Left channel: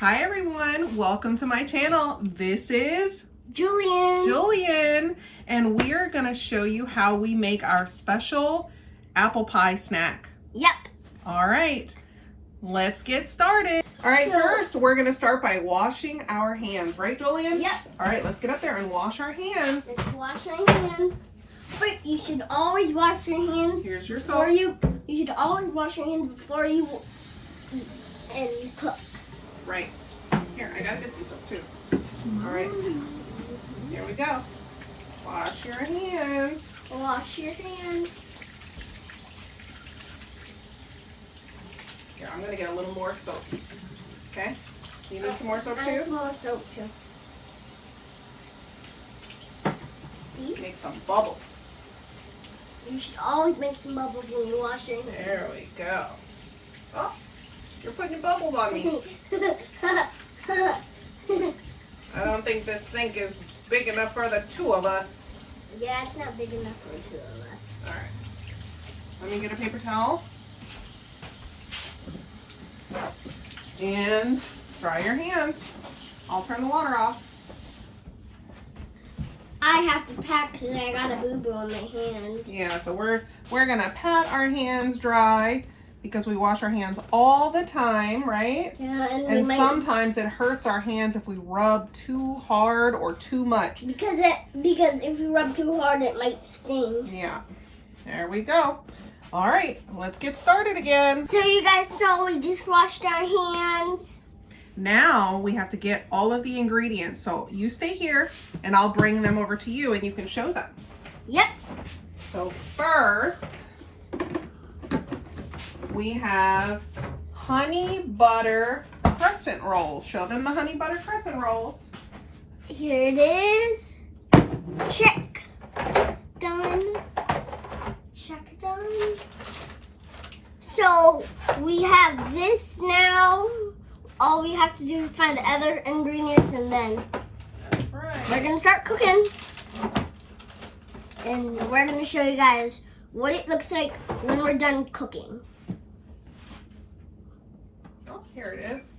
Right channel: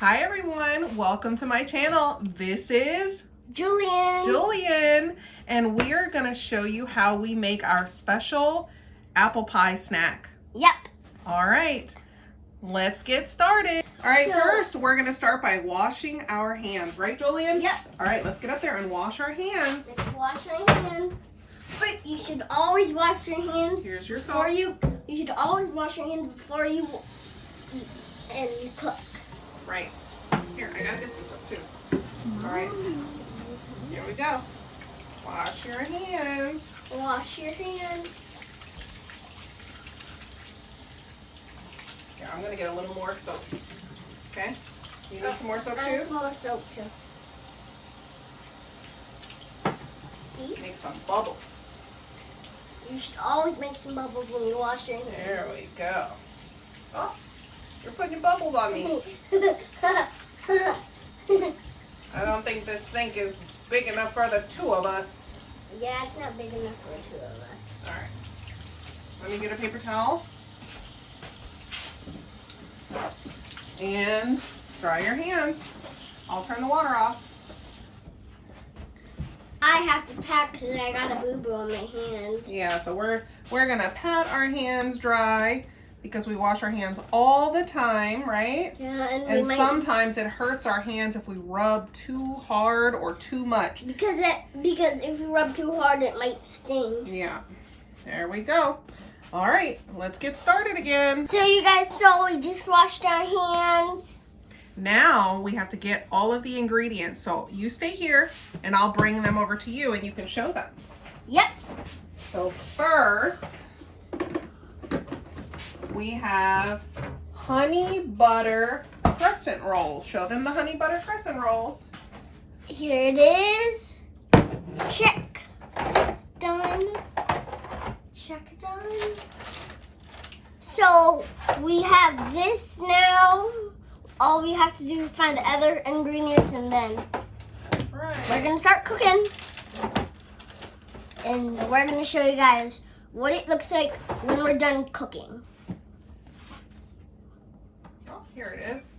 Hi everyone, welcome to my channel. This is Julian, and we're gonna show you how we make our special apple pie snack. Yep. All right, let's get started. All right, So- first we're gonna start by washing our hands, right Julian? Yep. All right, let's get up there and wash our hands. Let's wash our hands. But you should always wash your hands Here's your before soap. you should always wash your hands before you eat and cook. Right. Here, I gotta get some soap too. All right, here we go. Wash your hands. Wash your hands. Here, I'm gonna get a little more soap. Okay? You need some more soap And too? some more soap too. See? Make some bubbles. You should always make some bubbles when you wash your hands. There we go. Oh, you're putting bubbles on me. I don't think this sink is big enough for the two of us. Yeah, it's not big enough for the two of us. All right. Let me get a paper towel. And dry your hands. I'll turn the water off. I have to pack because I got a boo-boo on my hand. Yeah, so we're gonna pat our hands dry because we wash our hands all the time, right? Yeah, and And we might sometimes it hurts our hands if we rub too hard or too much. because if you rub too hard, it might sting. Yeah, there we go. All right, let's get started again. So you guys saw we just washed our hands. Now we have to get all of the ingredients. So you stay here and I'll bring them over to you and you can show them. Yep. So first, we have honey butter crescent rolls. Show them the honey butter crescent rolls. Here it is. Check. Done. Check done. So we have this now. All we have to do is find the other ingredients and then That's we're right. gonna start cooking. And we're gonna show you guys what it looks like when we're done cooking. Oh, here it is.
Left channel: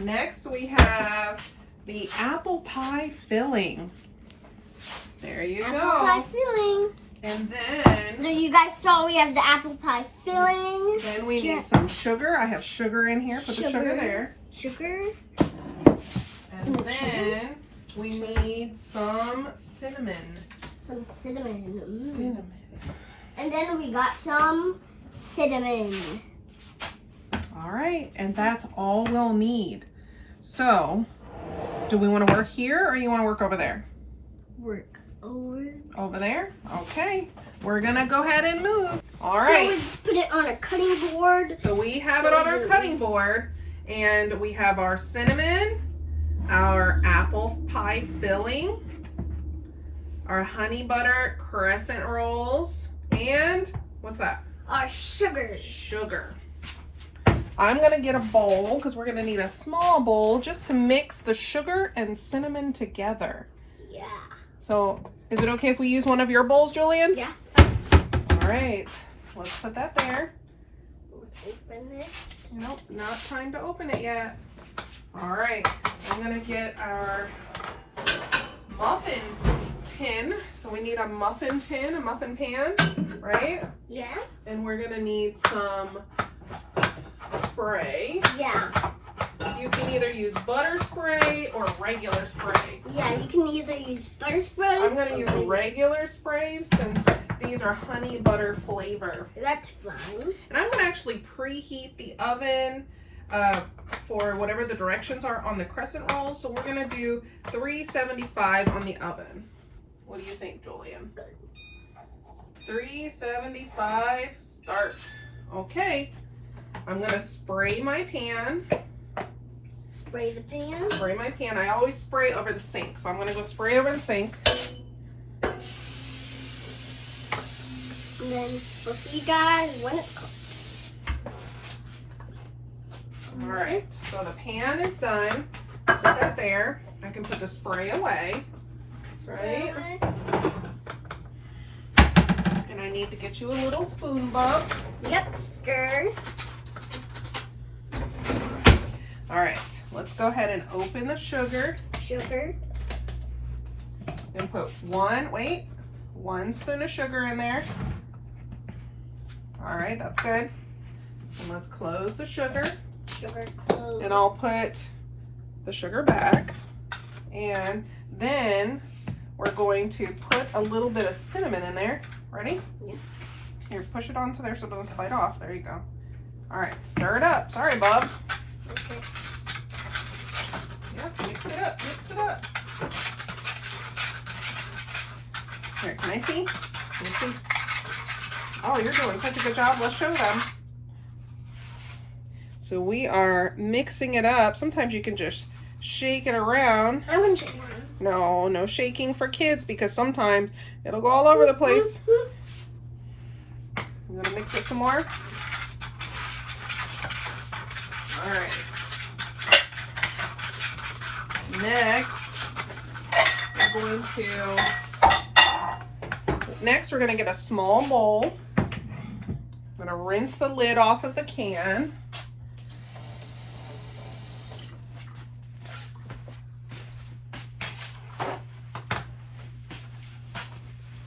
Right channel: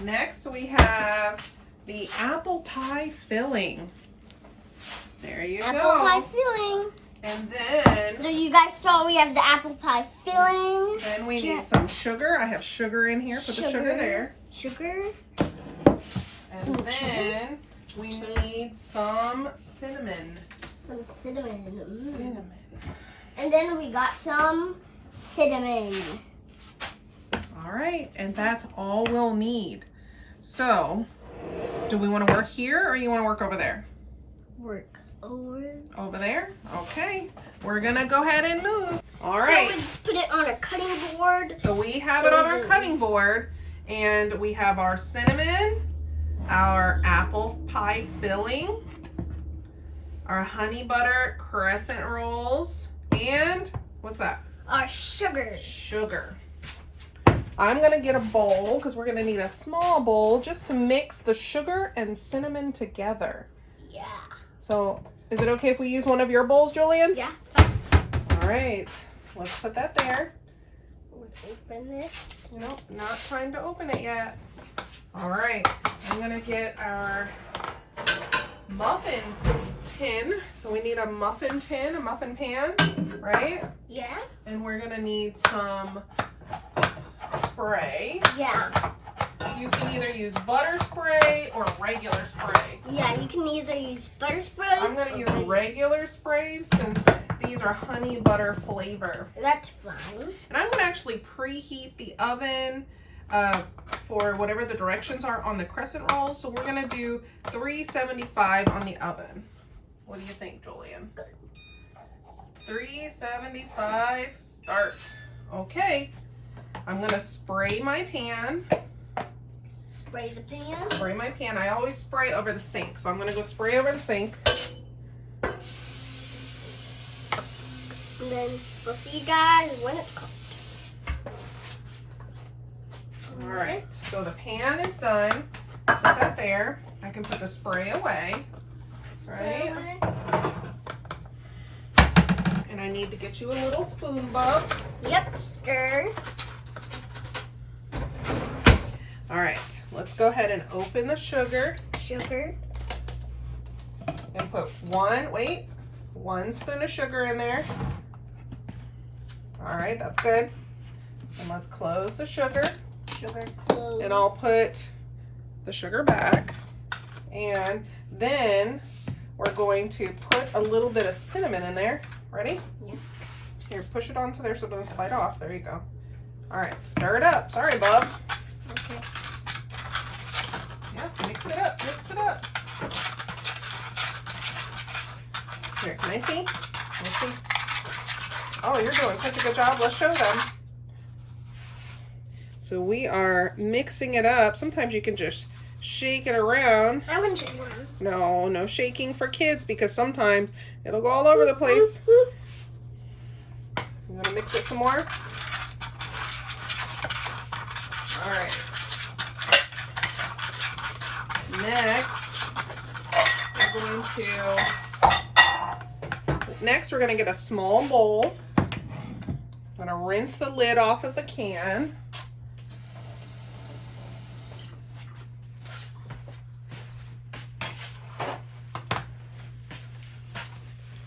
Next we have the apple pie filling. There you Apple go. pie filling. And So then you guys saw we have the apple pie filling. we need some sugar. I have sugar in here. Put the sugar Sugar. there. Sugar. And Some then we need some cinnamon. Some cinnamon. Cinnamon. And then we got some cinnamon. All right, and that's all we'll need. So, do we want to work here or you want to work over there? Work over. Over there? Okay. We're going to go ahead and move. All So right. we just put it on a cutting board. So we have it on our cutting board, and we have our cinnamon, our apple pie filling, our honey butter crescent rolls, and what's that? Our sugar. Sugar. I'm gonna get a bowl because we're gonna need a small bowl just to mix the sugar and cinnamon together. Yeah. So is it okay if we use one of your bowls, Julian? Yeah. All right, let's put that there. Open it. No, not time to open it yet. All right, I'm gonna get our muffin tin. So we need a muffin tin, a muffin pan, right? Yeah. And we're gonna need some spray. Yeah. You can either use butter spray or regular spray. Yeah. You can either use butter spray. I'm gonna or use regular spray since these are honey butter flavor. That's fine. And I'm gonna actually preheat the oven for whatever the directions are on the crescent rolls. So we're gonna do 375 on the oven. What do you think, Julian? Good. 375, start. Okay, I'm gonna spray my pan. Spray the pan. Spray my pan. I always spray over the sink, so I'm gonna go spray over the sink. And then we'll see you guys when it's cooked. All right, so the pan is done. Set that there. I can put the spray away. That's right. And I need to get you a little spoon, Bob. Yep, stir. All right, let's go. go ahead and open the sugar. Sugar. And put one spoon of sugar in there. All right, that's good. And let's close the sugar. Sugar close. And I'll put the sugar back. And then we're going to put a little bit of cinnamon in there. Ready? Yeah. Here, push it onto there so it doesn't slide off. There you go. All right, stir it up. Sorry, Bob. Okay. Yeah, mix it up, mix it up. Here, can I see? Can I see? Oh, you're doing such a good job. Let's show them. So we are mixing it up. Sometimes you can just shake it around. I'm gonna shake one. No, no shaking for kids because sometimes it'll go all over the place. I'm gonna mix it some more. All right. Next, we're gonna get a small bowl. I'm gonna rinse the lid off of the can.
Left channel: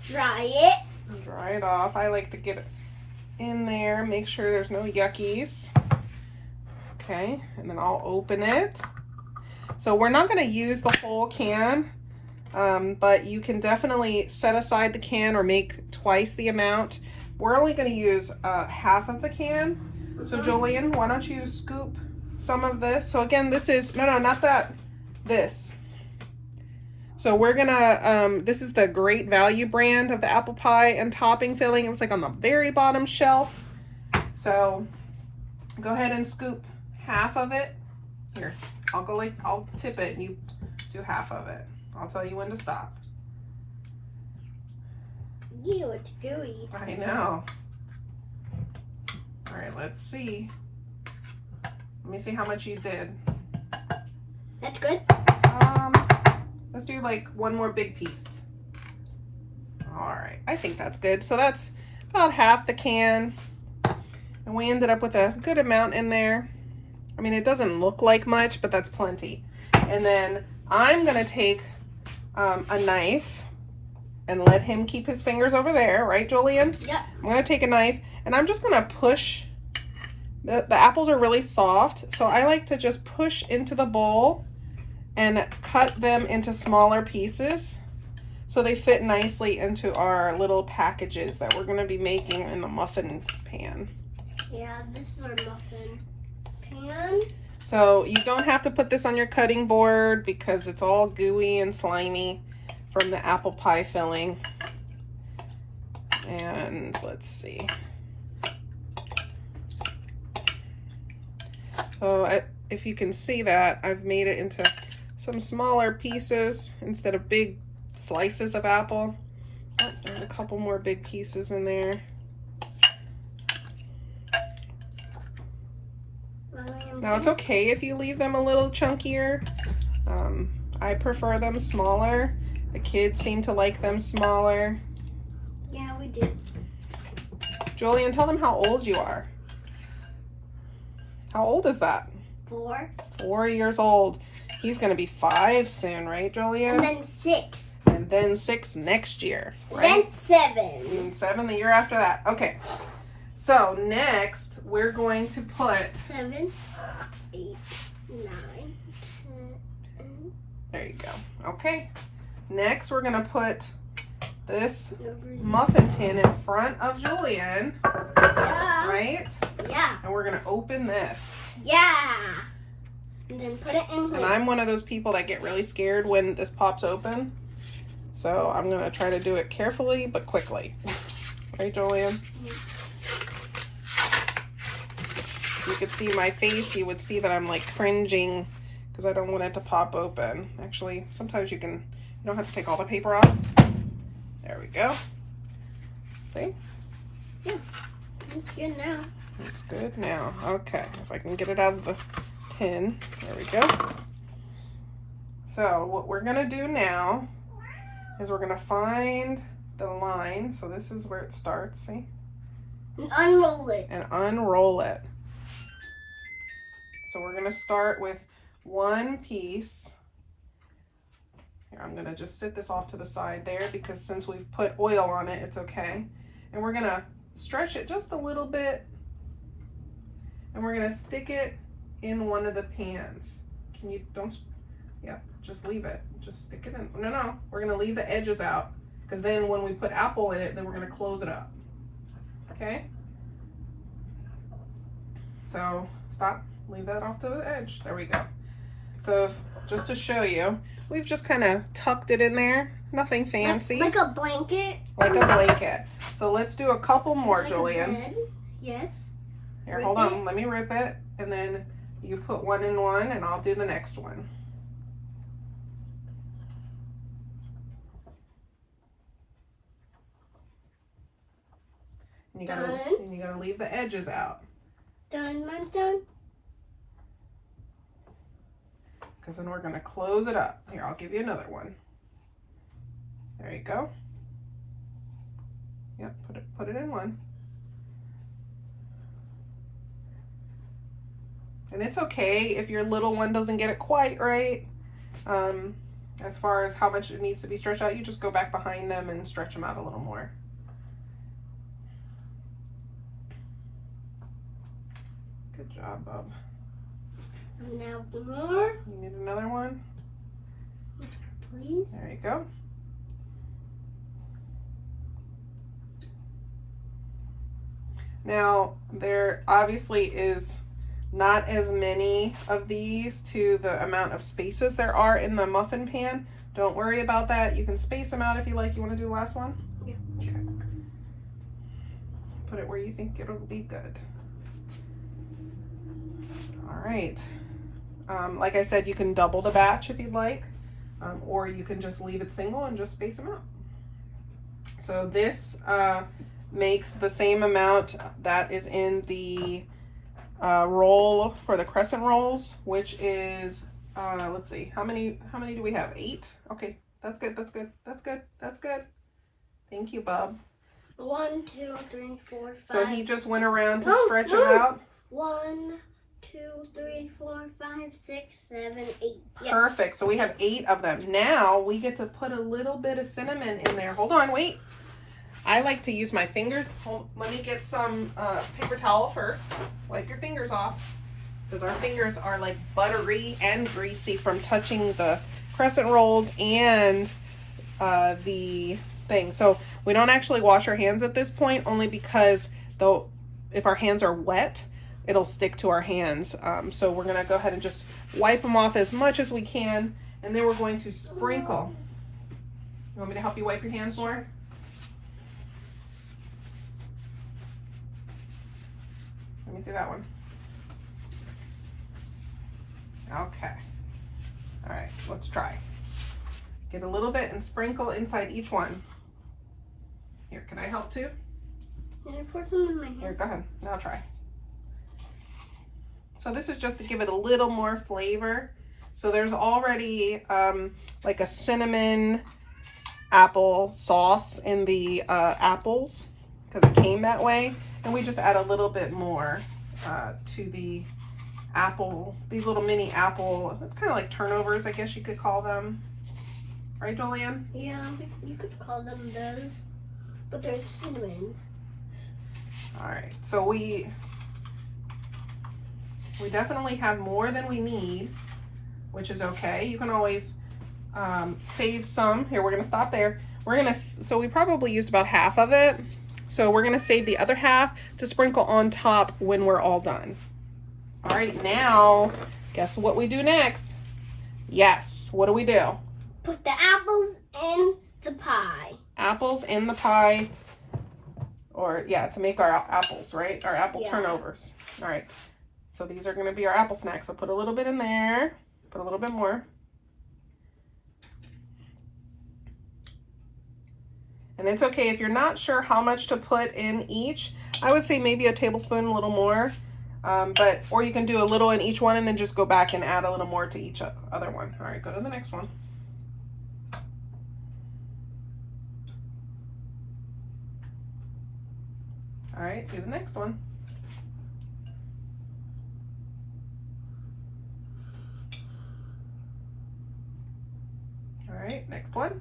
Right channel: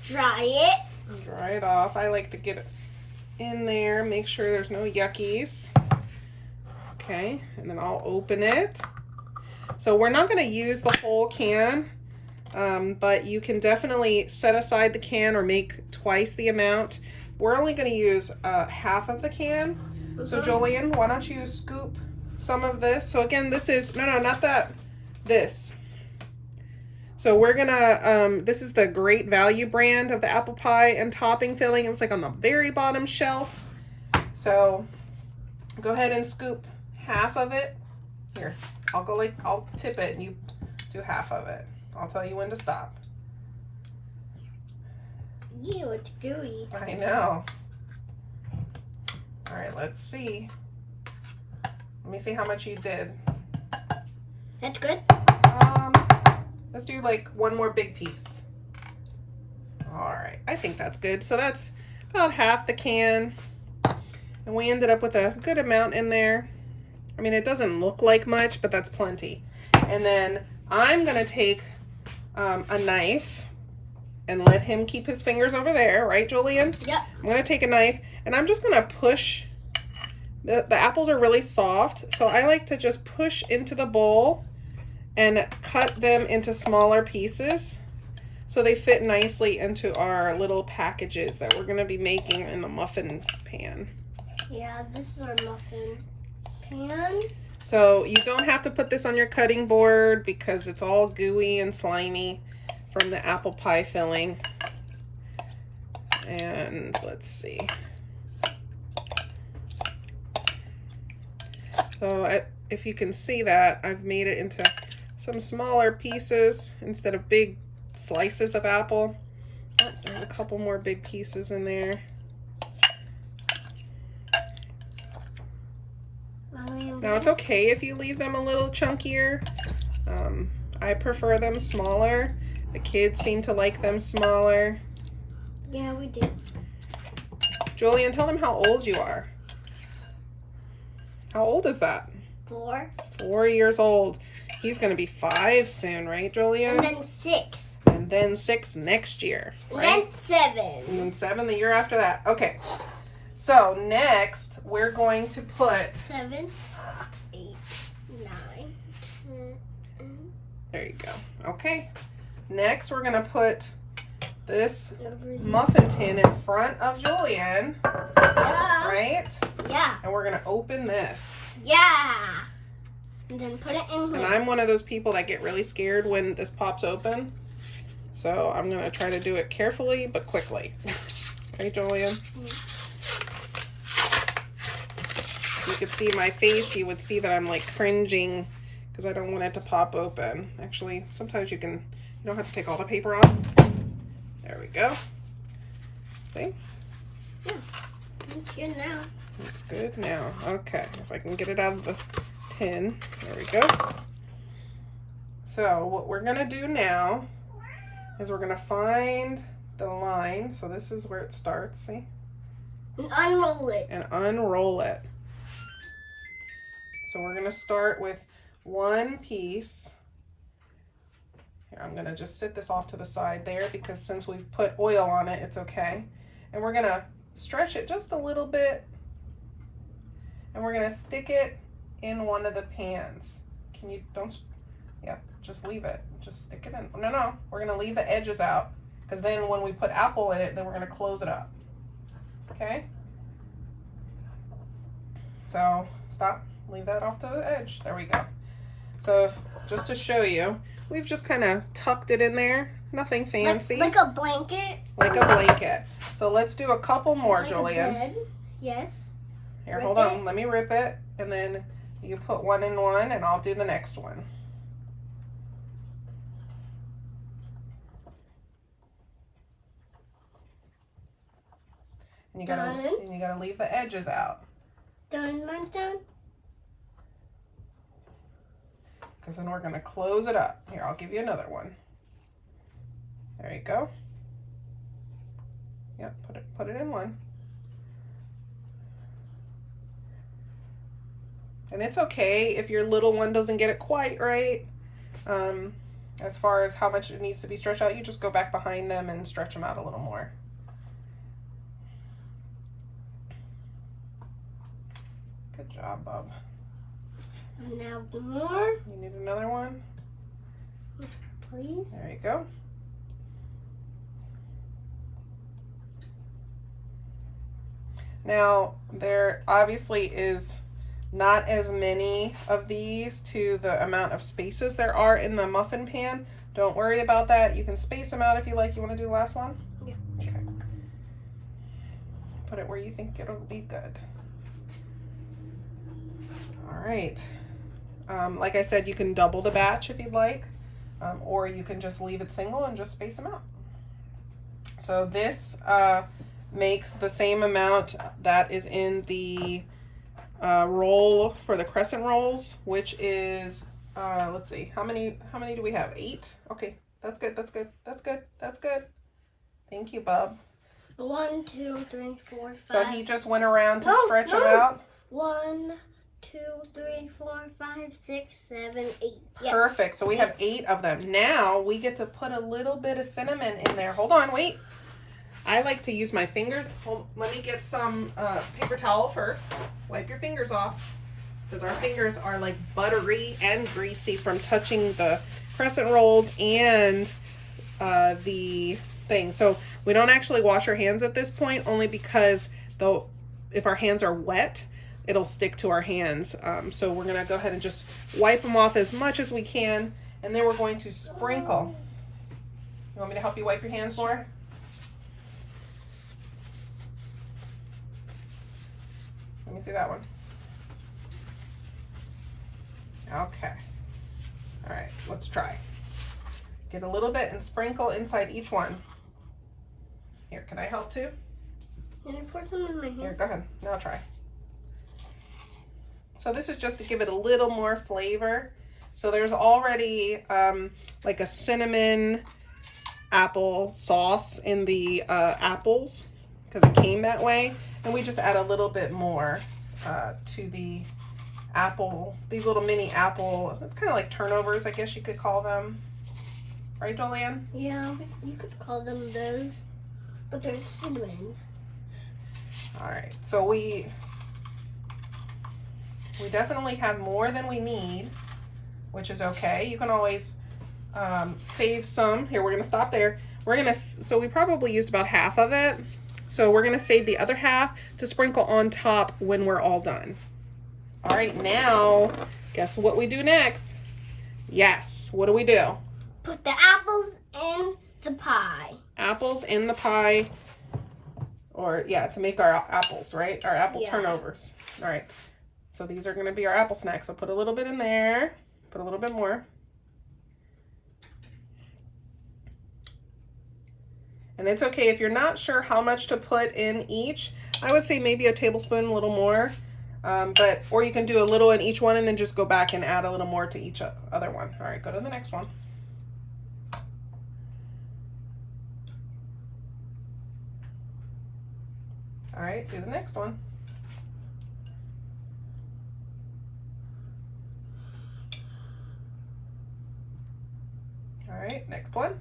Dry it. Dry it off. I like to get it in there, make sure there's no yuckies. Okay, and then I'll open it. So we're not going to use the whole can, but you can definitely set aside the can or make twice the amount. We're only going to use half of the can. So Jolien, why don't you scoop some of this? So again, this is, no, not that, this. So we're gonna, this is the Great Value brand of the apple pie and topping filling. It was like on the very bottom shelf. So go ahead and scoop half of it. Here, I'll tip it and you do half of it. I'll tell you when to stop. Ew, it's gooey. I know. All right, let's see. Let me see how much you did. That's good. Let's do like one more big piece. All right, I think that's good. So that's about half the can. And we ended up with a good amount in there. I mean, it doesn't look like much, but that's plenty. And then I'm gonna take a knife and let him keep his fingers over there, right, Jolien? Yep. I'm gonna take a knife and I'm just gonna push. The apples are really soft, so I like to just push into the bowl and cut them into smaller pieces so they fit nicely into our little packages that we're gonna be making in the muffin pan. Yeah, this is our muffin pan. So you don't have to put this on your cutting board because it's all gooey and slimy from the apple pie filling. And let's see. So if you can see that, I've made it into some smaller pieces instead of big slices of apple. Oh, there's a couple more big pieces in there. Now it's okay if you leave them a little chunkier. I prefer them smaller. The kids seem to like them smaller. Yeah, we do. Jolien, tell them how old you are. How old is that? 4. 4 years old. He's gonna be 5 soon, right, Jolien? And then 6. And then 6 next year. And right? then 7. And then 7 the year after that. Okay. So next we're going to put 7, 8, 9, 10. There you go. Okay. Next we're gonna put this Over here. muffin tin in front of Jolien, Yeah. right? Yeah. And we're gonna open this. Yeah. And then put it in And here. I'm one of those people that get really scared when this pops open. So I'm gonna try to do it carefully but quickly. Right, Jolien? If you could see my face, you would see that I'm like cringing because I don't want it to pop open. Actually, sometimes you don't have to take all the paper off. There we go. See? Yeah. It's good now. It's good now. Okay, if I can get it out of the tin. There we go. So what we're gonna do now is we're gonna find the line. So this is where it starts, see? And unroll it. And unroll it. So we're gonna start with one piece. Here, I'm gonna just sit this off to the side there because since we've put oil on it, it's okay. And we're gonna stretch it just a little bit, and we're gonna stick it in one of the pans. Can you, don't, yeah, just leave it. Just stick it in. No, we're gonna leave the edges out because then when we put apple in it, then we're gonna close it up. Okay? So stop, leave that off to the edge. There we go. So just to show you, we've just kind of tucked it in there. Nothing fancy. Like a blanket. Like a blanket. So let's do a couple more, Like Julian. a bed. Yes. Here, Rip hold it. on. Let me rip it. And then you put one in one and I'll do the next one. And you gotta leave the edges out. Done, mine's done. Because then we're gonna close it up. Here, I'll give you another one. There you go. Yep, put it in one. And it's okay if your little one doesn't get it quite right. As far as how much it needs to be stretched out, you just go back behind them and stretch them out a little more. Good job, Bob. And now more, You need another one? please. There you go. Now, there obviously is not as many of these to the amount of spaces there are in the muffin pan. Don't worry about that. You can space them out if you like. You want to do the last one? Yeah. Okay. Put it where you think it'll be good. All right. Like I said, you can double the batch if you'd like, or you can just leave it single and just space them out. So this makes the same amount that is in the roll for the crescent rolls, which is let's see, how many do we have? 8. Okay, that's good. Thank you, Bob. 1, 2, 3, 4, 5. So he just went around to No, stretch no. them out. 1, 2, 3, 4, 5, 6, 7, 8. Yep. Perfect. So we have 8 of them. Now we get to put a little bit of cinnamon in there. Hold on, wait. I like to use my fingers. Let me get some paper towel first. Wipe your fingers off because our fingers are like buttery and greasy from touching the crescent rolls and the thing. So we don't actually wash our hands at this point, only because though if our hands are wet, it'll stick to our hands. So we're gonna go ahead and just wipe them off as much as we can, and then we're going to sprinkle. You want me to help you wipe your hands more? Let me see that one. Okay. All right, let's try. Get a little bit and sprinkle inside each one. Here, can I help too? Can I pour some in my Here, hand? go ahead. Now try. So this is just to give it a little more flavor. So there's already like a cinnamon apple sauce in the apples because it came that way. And we just add a little bit more to the apple, these little mini apple, it's kind of like turnovers, I guess you could call them. Right, Jolene? Yeah, you could call them those, but they're cinnamon. All right, so we definitely have more than we need, which is okay. You can always save some. Here, we're gonna stop there. So we probably used about half of it. So we're gonna save the other half to sprinkle on top when we're all done. All right, now, guess what we do next? Yes, what do? Put the apples in the pie. Apples in the pie, or yeah, to make our apples, right? Our apple Yeah. turnovers. All right, so these are gonna be our apple snacks. So put a little bit in there, put a little bit more. And it's okay if you're not sure how much to put in each. I would say maybe a tablespoon, a little more. Or you can do a little in each one and then just go back and add a little more to each other one. All right, go to the next one. All right, do the next one. next one.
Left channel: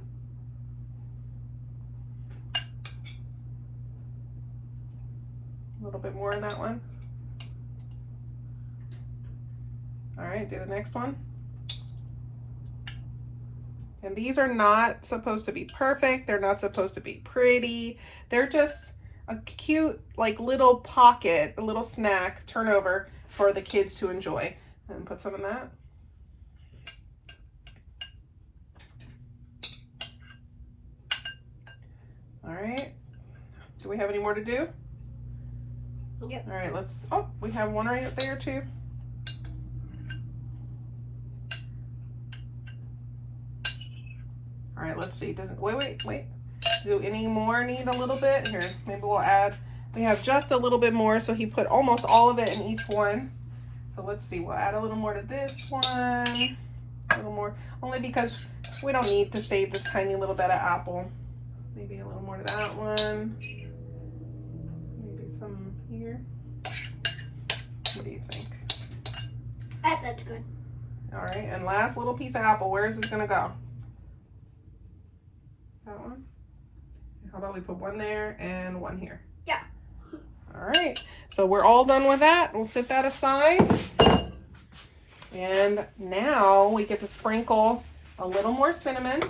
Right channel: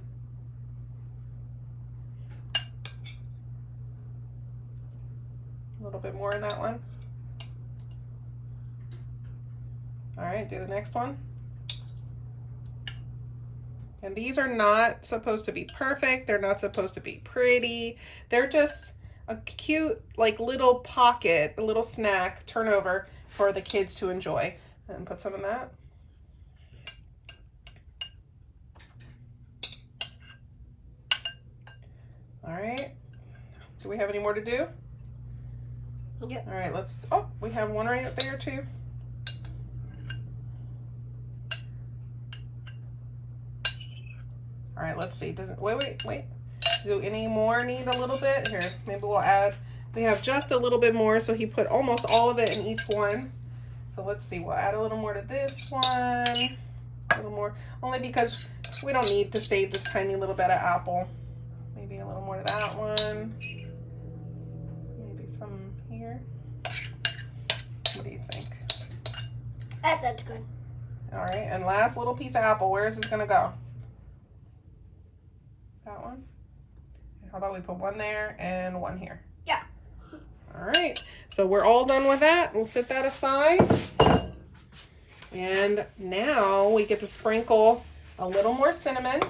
A little bit more in that one. All right, do the next one. And these are not supposed to be perfect. They're not supposed to be pretty. They're just a cute, like, little pocket, a little snack turnover for the kids to enjoy. And put some in that. All right. Do we have any more to do? Yep. All right, let's, oh, we have one right up there too. All right, let's see. Doesn't, wait. Do any more need a little bit? Here, maybe we'll add, we have just a little bit more, so he put almost all of it in each one. So let's see, we'll add a little more to this one, a little more, only because we don't need to save this tiny little bit of apple. Maybe a little more to that one. Maybe some here. What do you think? That's good. All right, and last little piece of apple. Where is this gonna go? That one? How about we put one there and one here? Yeah. All right, so we're all done with that. We'll set that aside. And now we get to sprinkle a little more cinnamon. You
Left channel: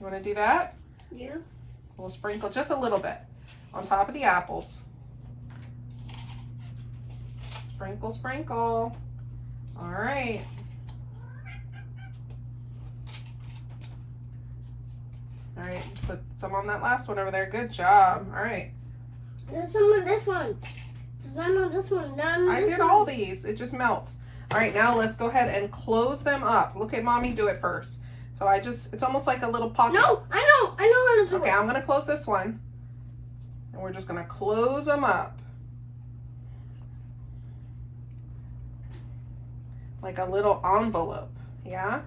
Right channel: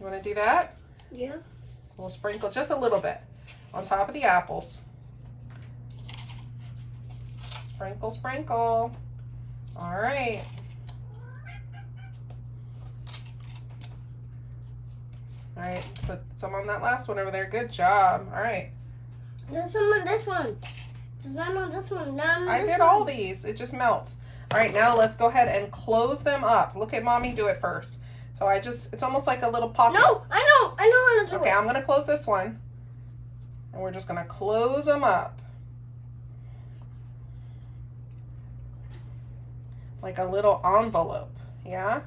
wanna do that? Yeah. We'll sprinkle just a little bit on top of the apples. Sprinkle, sprinkle. All right. All right, put some on that last one over there. Good job. All right. There's some on this one. There's none on this one. None on I this did one. all these. It just melts. All right, now let's go ahead and close them up. Look at mommy do it first. So it's almost like a little pocket. No, I know how to do Okay, it. I'm gonna close this one. And we're just gonna close them up. Like a little envelope, yeah?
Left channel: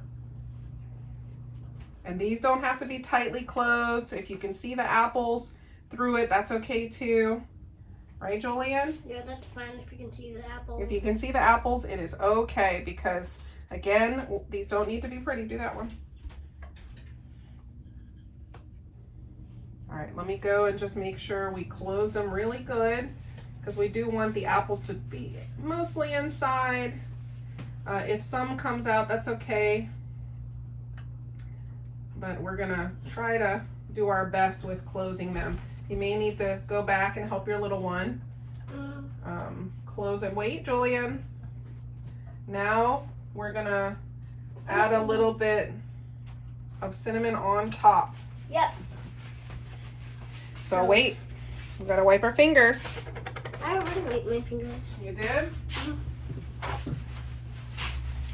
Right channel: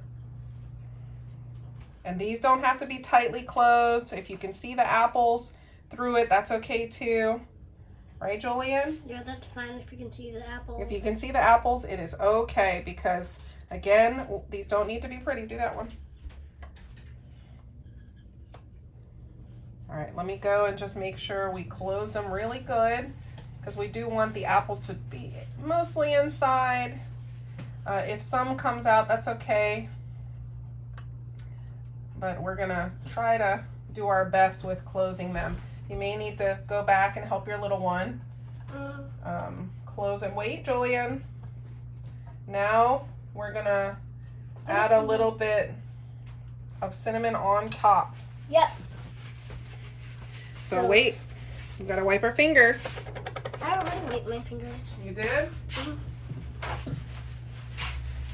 And these don't have to be tightly closed. If you can see the apples through it, that's okay too. Right, Julian? Yeah, that's fine if you can see the apples. If you can see the apples, it is okay because, again, these don't need to be pretty. Do that one. All right, let me go and just make sure we close them really good because we do want the apples to be mostly inside. If some comes out, that's okay. But we're gonna try to do our best with closing them. You may need to go back and help your little one. Close and wait, Julian. Now we're gonna add a little bit of cinnamon on top. Yep. So wait, we gotta wipe our fingers. I already wiped my fingers. You did?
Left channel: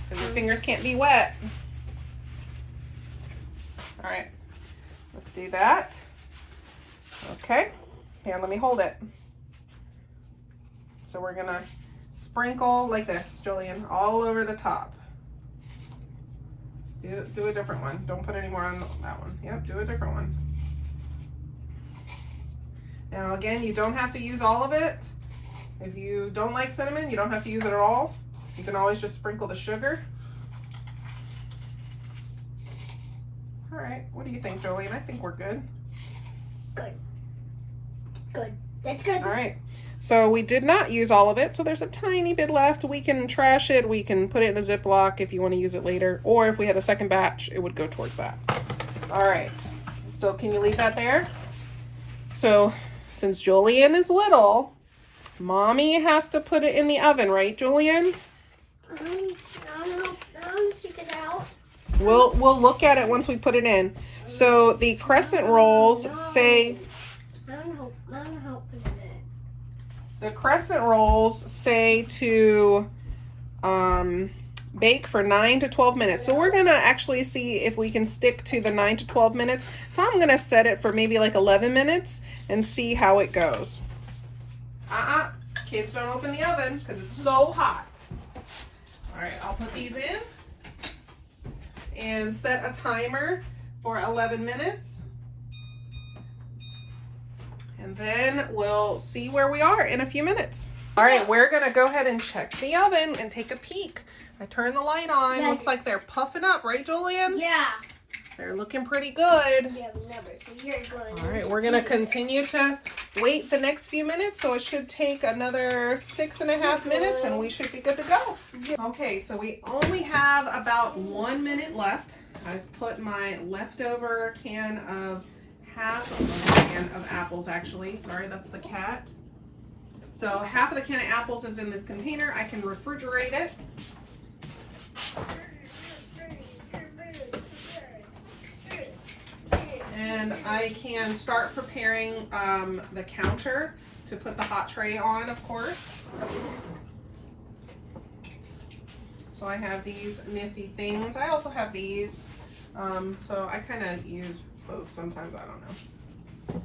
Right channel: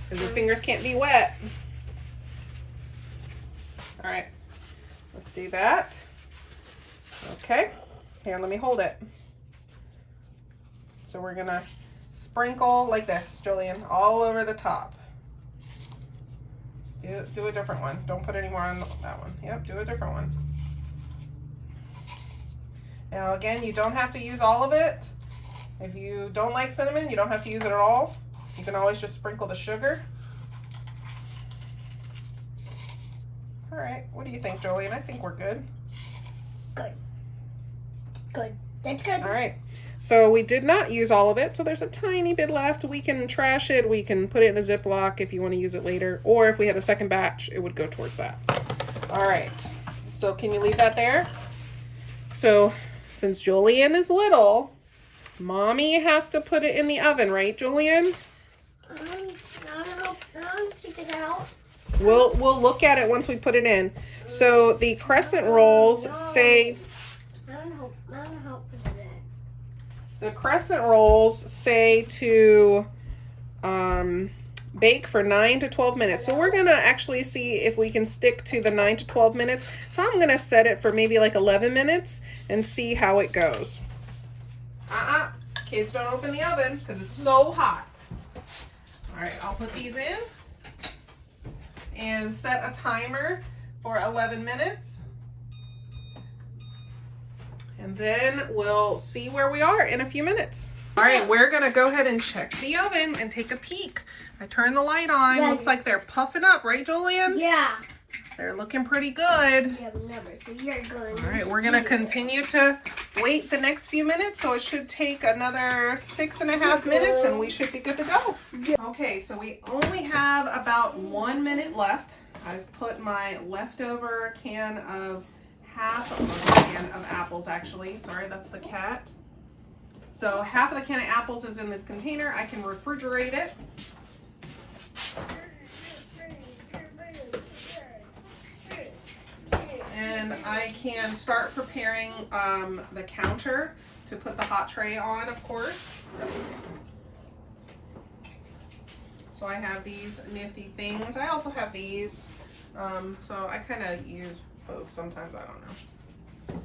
Because your fingers can't be wet. All right, let's do that. Okay, here, let me hold it. So we're gonna sprinkle like this, Julian, all over the top. Do a different one. Don't put any more on that one. Yep, do a different one. Now again, you don't have to use all of it. If you don't like cinnamon, you don't have to use it at all. You can always just sprinkle the sugar. All right, what do you think, Julian? I think we're good. Good. Good. That's good. All right, so we did not use all of it, so there's a tiny bit left. We can trash it. We can put it in a Ziploc if you want to use it later, or if we had a second batch, it would go towards that. All right, so can you leave that there? So since Julian is little, mommy has to put it in the oven, right, Julian? I don't figure it out. We'll look at it once we put it in. So the crescent rolls say I don't know how to do it. the crescent rolls say to bake for 9 to 12 minutes. So we're gonna actually see if we can stick to the 9 to 12 minutes. So I'm gonna set it for maybe like 11 minutes and see how it goes. Kids don't open the oven because it's so hot. All right, I'll put these in and set a timer for 11 minutes. And then we'll see where we are in a few minutes. All right, we're gonna go ahead and check the oven and take a peek. I turned the light on. Yeah. Looks like they're puffing up, right, Julian? Yeah. They're looking pretty good. Yeah, never. So you're going. All right, we're gonna continue to wait the next few minutes, so it should take another 6.5 minutes and we should be good to go. Okay, so we only have about 1 minute left. I've put my leftover can of half of a can of apples, actually. Sorry, that's the cat. So half of the can of apples is in this container. I can refrigerate it. And I can start preparing the counter to put the hot tray on, of course. So I have these nifty things. I also have these. So I kind of use both sometimes, I don't know.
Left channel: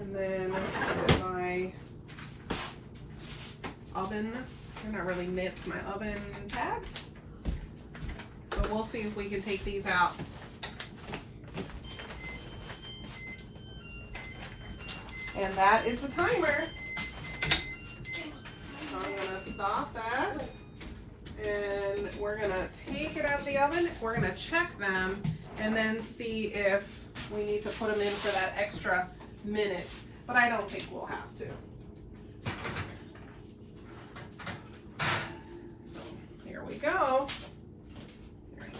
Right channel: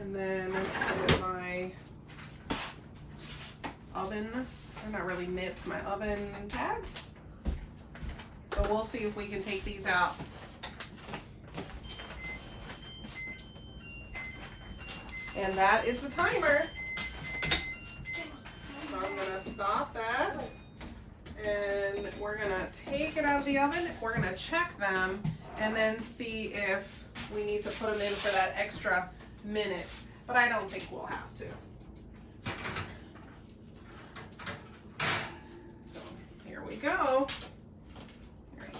And then my oven, they're not really mitts, my oven pads. So we'll see if we can take these out. And that is the timer. So I'm gonna stop that. And we're gonna take it out of the oven. We're gonna check them and then see if we need to put them in for that extra minute. But I don't think we'll have to. So here we go.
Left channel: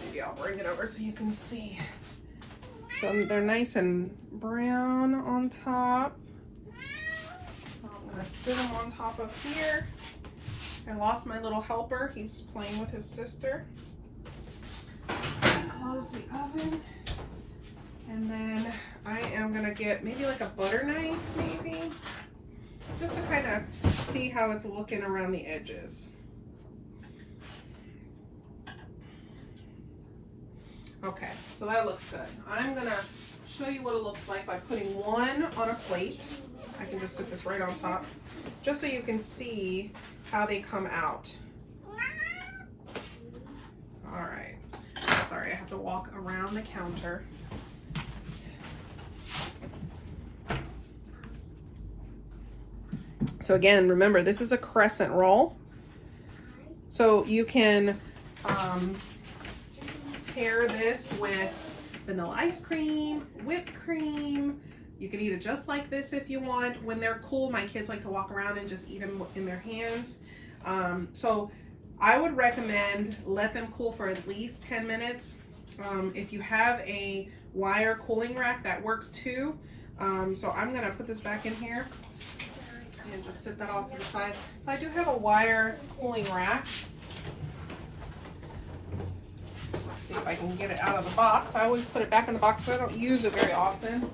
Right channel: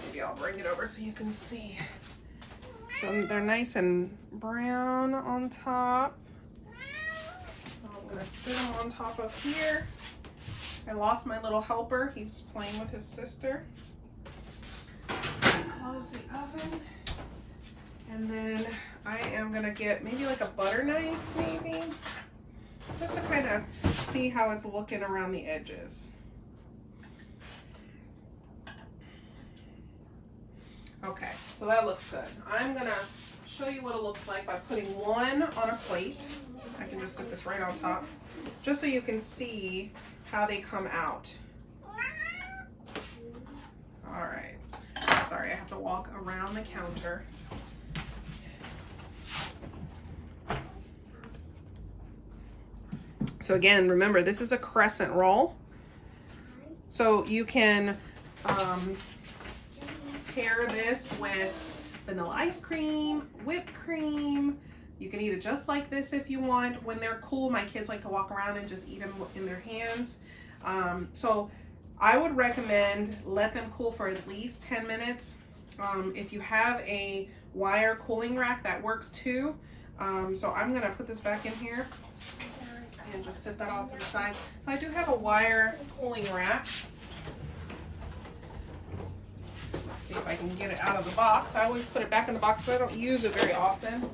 Maybe I'll bring it over so you can see. So they're nice and brown on top. So I'm gonna sit them on top of here. I lost my little helper. He's playing with his sister. Close the oven. And then I am gonna get maybe like a butter knife, maybe. Just to kind of see how it's looking around the edges. Okay, so that looks good. I'm gonna show you what it looks like by putting one on a plate. I can just sit this right on top, just so you can see how they come out. All right, sorry, I have to walk around the counter. So again, remember, this is a crescent roll. So you can pair this with vanilla ice cream, whipped cream. You can eat it just like this if you want. When they're cool, my kids like to walk around and just eat them in their hands. So I would recommend let them cool for at least 10 minutes. If you have a wire cooling rack, that works too. So I'm gonna put this back in here and just set that off to the side. So I do have a wire cooling rack. Let's see if I can get it out of the box. I always put it back in the box because I don't use it very often.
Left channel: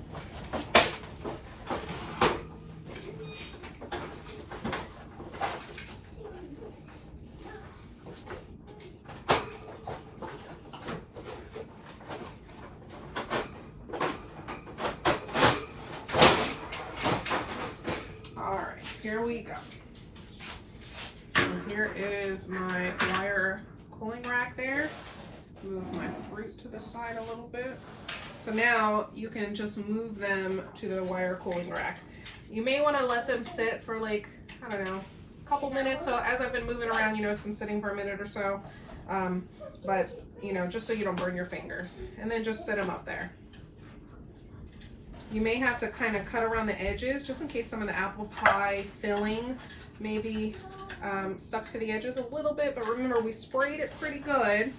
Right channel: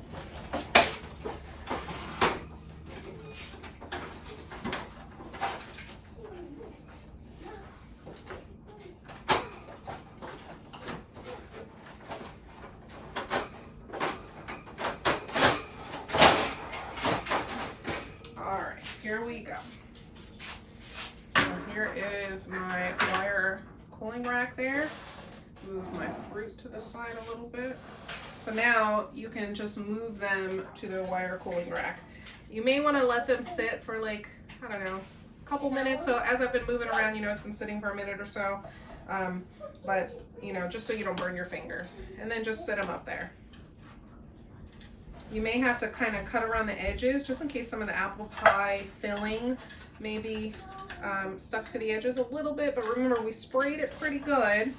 Here we go. So here is my wire cooling rack there. Move my fruit to the side a little bit. So now you can just move them to the wire cooling rack. You may want to let them sit for like, I don't know, a couple minutes. So as I've been moving around, you know, it's been sitting for a minute or so. But, you know, just so you don't burn your fingers. And then just sit them up there. You may have to kind of cut around the edges just in case some of the apple pie filling may be stuck to the edges a little bit, but remember we sprayed it pretty good.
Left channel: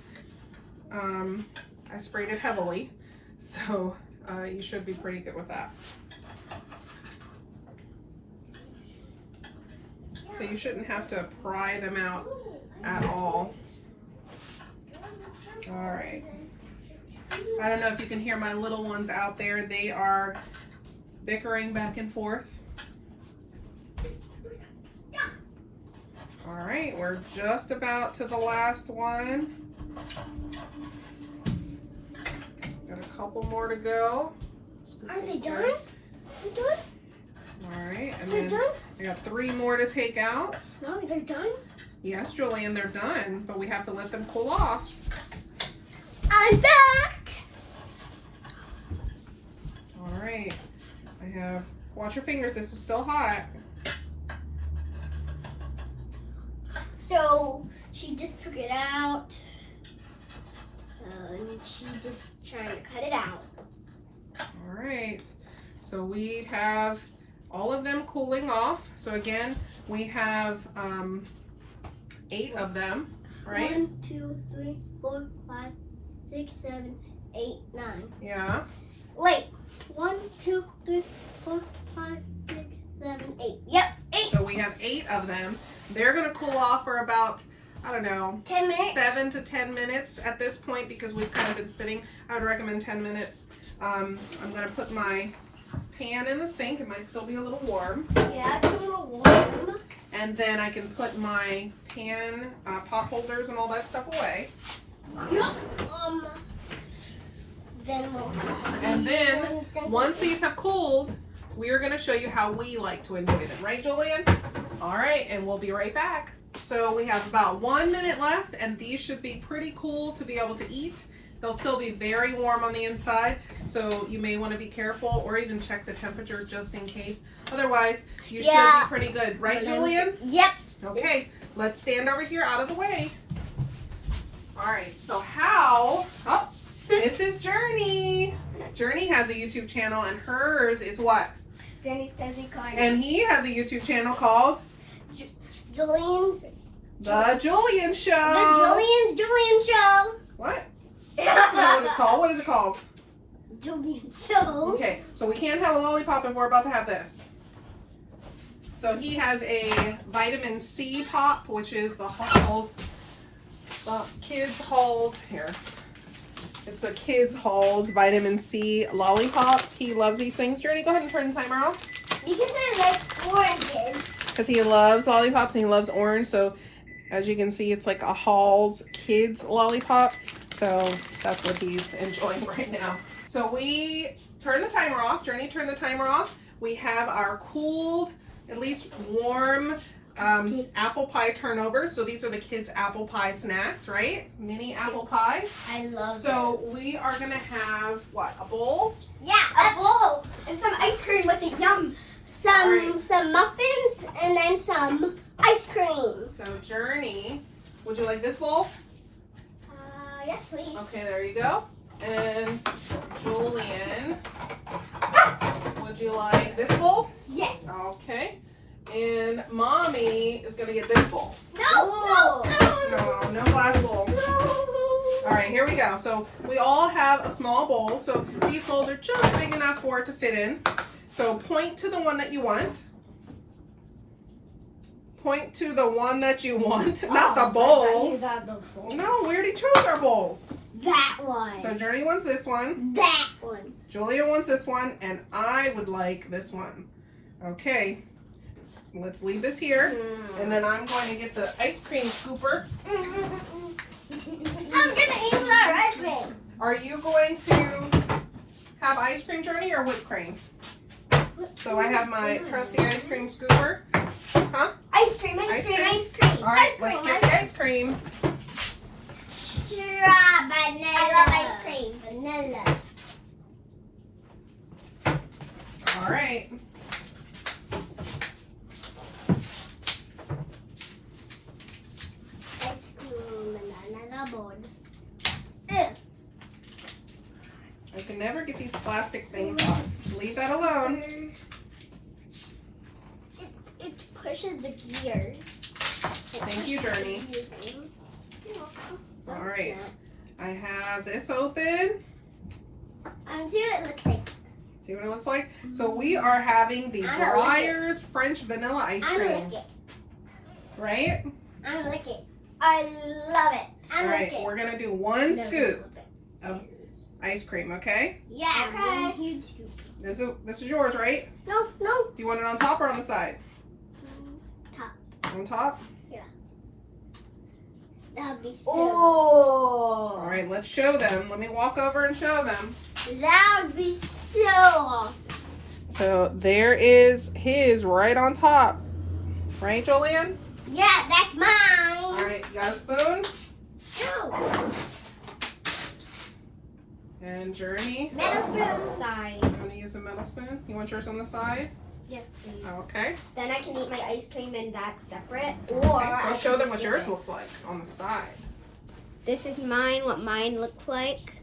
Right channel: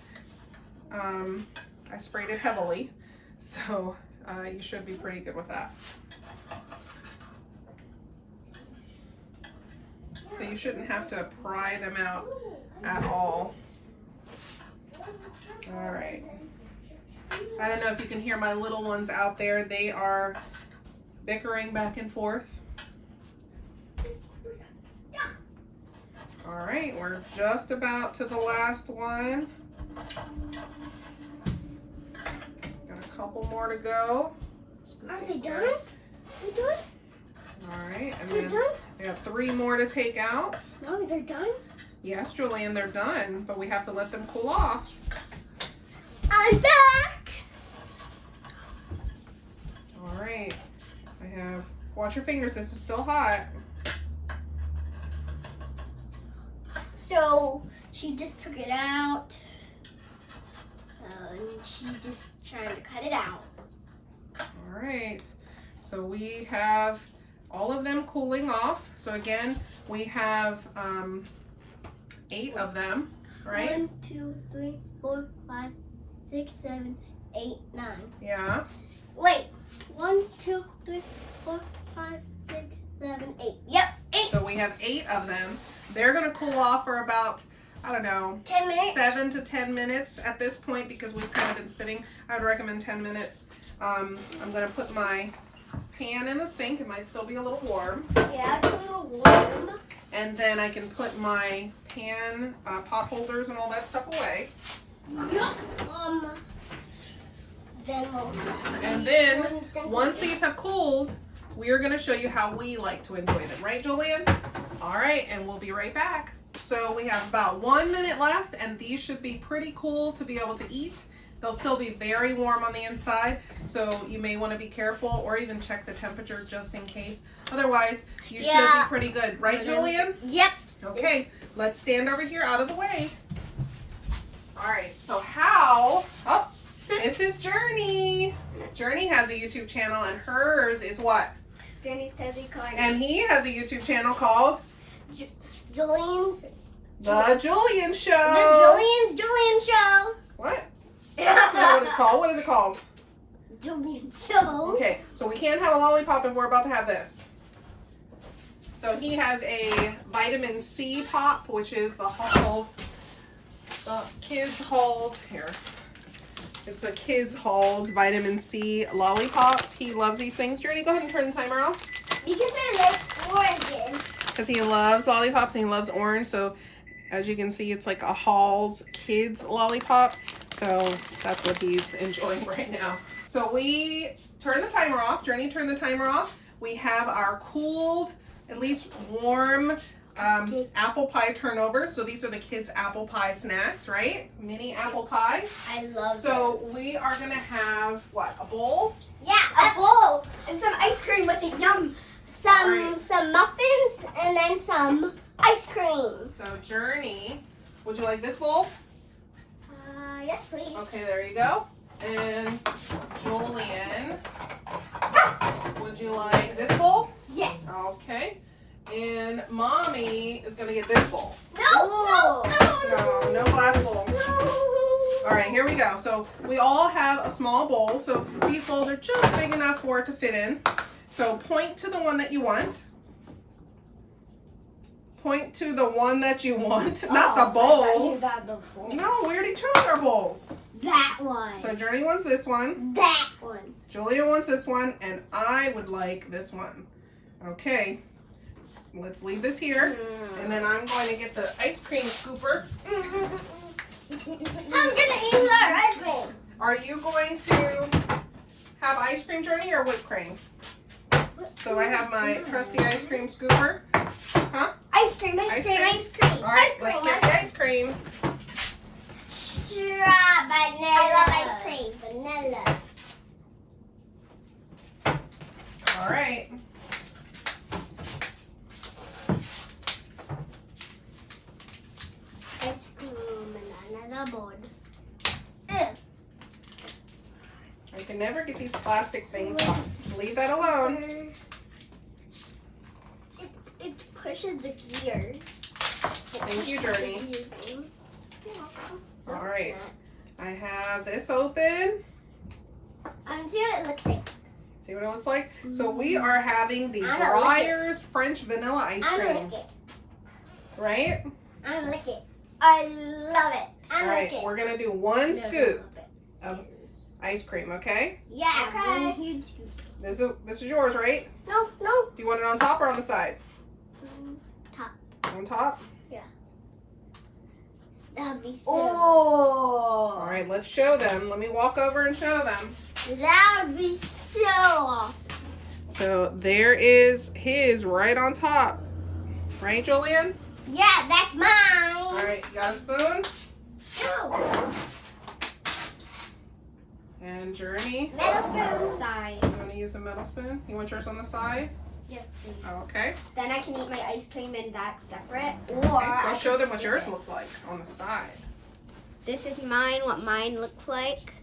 I sprayed it heavily, so you should be pretty good with that. So you shouldn't have to pry them out at all. All right. I don't know if you can hear my little ones out there. They are bickering back and forth. All right, we're just about to the last one. Got a couple more to go. Are they done? All right, and then I got 3 more to take out. No, they're done? Yes, Julian, they're done, but we have to let them cool off. I'm back! All right, I have, watch your fingers, this is still hot. So, she just took it out. and she's just trying to cut it out. All right. So we have all of them cooling off. So again, we have 8 of them, right? 1, 2, 3, 4, 5, 6, 7, 8, 9. Yeah. Wait. 1, 2, 3, 4, 5, 6, 7, 8. Yep, 8. So we have 8 of them. They're gonna cool off for about, I don't know, 10 minutes. 7 to 10 minutes at this point because we've kind of been sitting. I would recommend 10 minutes. I'm gonna put my pan in the sink. It might still be a little warm. Yeah, it's a little warm. And then I can put my pan, pot holders and all that stuff away. Yep. Then we'll And then once these have cooled, we are going to show you how we like to enjoy them. Right, Julian? All right, and we'll be right back. So we have about 1 minute left, and these should be pretty cool to be able to eat. They'll still be very warm on the inside, so you may want to be careful or even check the temperature just in case. Otherwise, you should be pretty good. Right, Julian? Yep. Okay, let's stand over here out of the way. All right, so how... Oh, this is Journey. Journey has a YouTube channel, and hers is what? Journey's Cozy Corner. And he has a YouTube channel called Julian's. The Julian Show. The Julian Show. What? That's not what it's called. What is it called? Julian Show. Okay, so we can't have a lollipop if we're about to have this. So he has a vitamin C pop, which is the Halls, the Kids Halls. Here. It's the Kids Halls vitamin C lollipops. He loves these things. Journey, go ahead and turn the timer off. Because I like oranges. Because he loves lollipops and he loves orange. So as you can see, it's like a Halls Kids lollipop. So that's what he's enjoying right now. So we turn the timer off. Journey turned the timer off. We have our cooled, at least warm apple pie turnovers. So these are the kids' apple pie snacks, right? Mini apple pies. I love So those. we are gonna have what? A bowl? Yeah, a bowl and some ice cream with it. Yum. Some muffins and then some ice cream. So Journey, would you like this bowl? Yes, please. Okay, there you go. And Julian, would you like this bowl? Yes. Okay. And Mommy is gonna get this bowl. No. No glass bowl. No. All right, here we go. So we all have a small bowl. So these bowls are just big enough for it to fit in. So point to the one that you want. Point to the one that you want, not the bowl. You got the bowl. No, we already chose our bowls. That one. So Journey wants this one. That one. Julia wants this one, and I would like this one. Okay, let's leave this here, and then I'm going to get the ice cream scooper. I'm gonna eat our ice cream. Are you going to have ice cream, Journey, or whipped cream? So I have my trusty ice cream scooper. Huh? Ice cream, ice cream, ice cream. All right, let's get the ice cream. Vanilla. I love ice cream. Vanilla. All right. Ice cream, banana board. I can never get these plastic things off. Leave that alone. It pushes the gears. Thank you, Journey. All right. I have this open. See what it looks like. See what it looks like? So we are having the I'm gonna lick it. Breyers French vanilla ice I'm gonna cream. lick it. Right? I'm gonna lick it. I love it. I'm All gonna right, lick it. we're gonna do one scoop of ice cream, okay? Yeah, one huge scoop. This is yours, right? No. Do you want it on top or on the side? Top. On top? That would be so. Oh. All right, let's show them. Let me walk over and show them. That would be so awesome. So there is his right on top. Right, Julian? Yeah, that's mine. All right, you got a spoon? No. And Journey? Metal spoon. Side. You want to use a metal spoon? You want yours on the side? Yes, please. Okay. Then I can eat my ice cream and that separate. Okay, go show them what yours looks like on the side. This is mine, what mine looks like.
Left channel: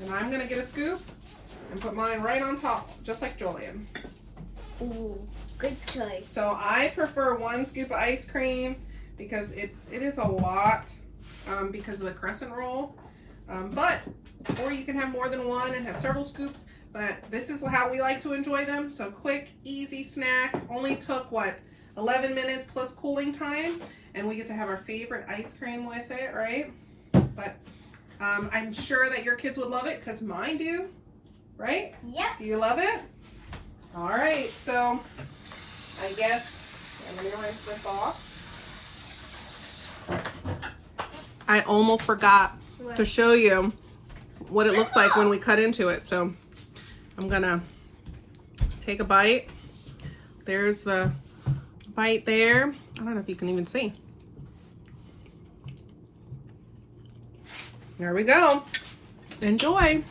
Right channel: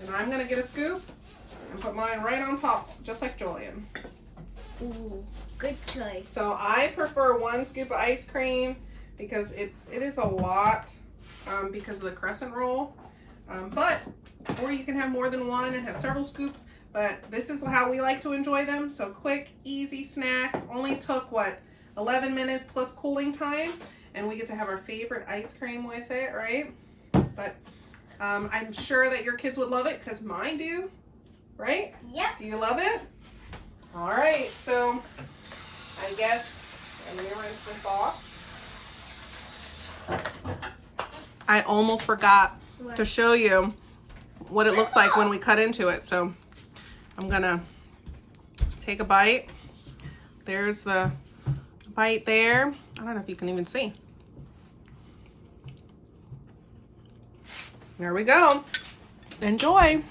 And I'm gonna get a scoop and put mine right on top, just like Julian. Ooh, good choice. So I prefer 1 scoop of ice cream because it is a lot because of the crescent roll. Or you can have more than 1 and have several scoops, but this is how we like to enjoy them. So quick, easy snack. Only took, what, 11 minutes plus cooling time, and we get to have our favorite ice cream with it, right? But I'm sure that your kids would love it because mine do, right? Yep. Do you love it? All right, so I guess I'm gonna rinse this off. I almost forgot to show you what it looks like when we cut into it. So I'm gonna take a bite. There's the bite there. I don't know if you can even see. There we go. Enjoy.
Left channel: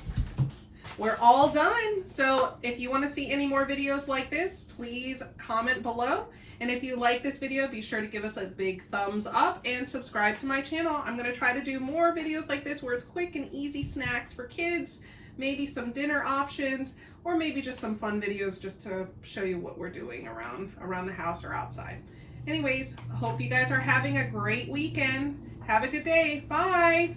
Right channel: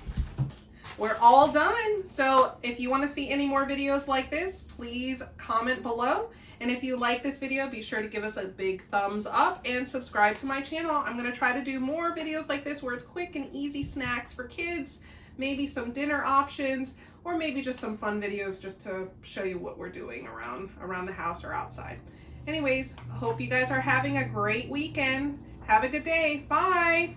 We're all done. So if you want to see any more videos like this, please comment below. And if you like this video, be sure to give us a big thumbs up and subscribe to my channel. I'm going to try to do more videos like this where it's quick and easy snacks for kids, maybe some dinner options, or maybe just some fun videos just to show you what we're doing around the house or outside. Anyways, hope you guys are having a great weekend. Have a good day. Bye.